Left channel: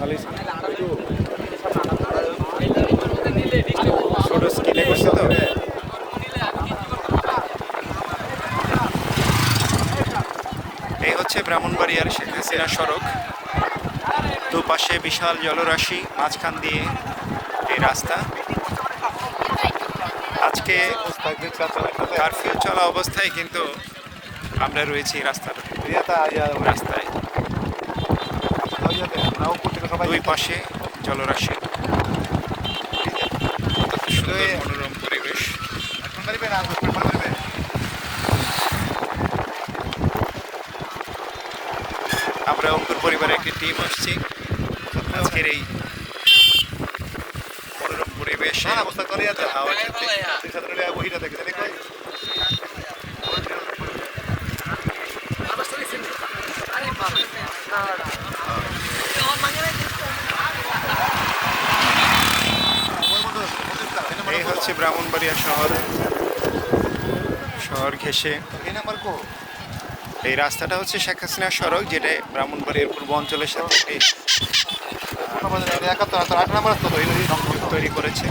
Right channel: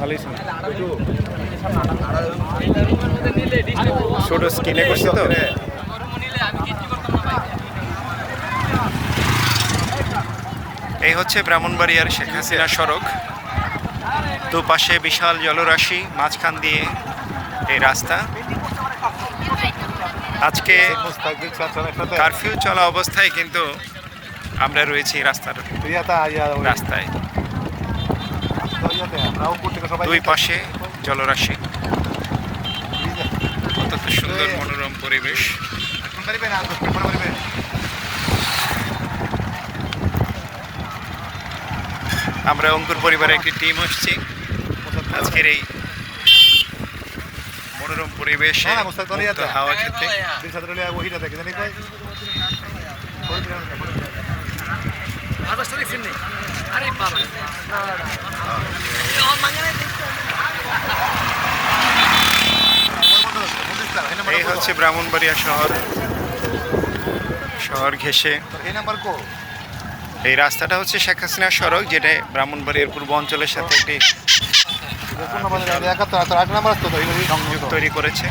ভালোই ছোট স্কিনে করছি তো। এই হচ্ছে ব্রাহ্মণবাড়িয়ার শেখ হাসিনা সড়ক। দুপাশে বিশাল জলরাশি, মাঝখান দিয়ে এই রাস্তা। আজকে কারফিউ চলা অবস্থায় কিন্তু আমরা রয়েছি রাস্তায়। দুই পাশে জলরাশি, অত্যন্ত সুন্দর মনোরম পরিবেশ। আমরা অঙ্কুর পরিবারের একটি টিম আসছি আজকের এই মনোরম পরিবেশে হাওয়া খেতে। এই হচ্ছে ব্রাহ্মণবাড়িয়া শহর ঘেঁষে এই রাস্তাটা হচ্ছে শেখ হাসিনা সড়ক, যেটা ব্রাহ্মণবাড়িয়ার পূর্ব অঞ্চলের সাথে একটি সংযোগ তৈরি করেছে।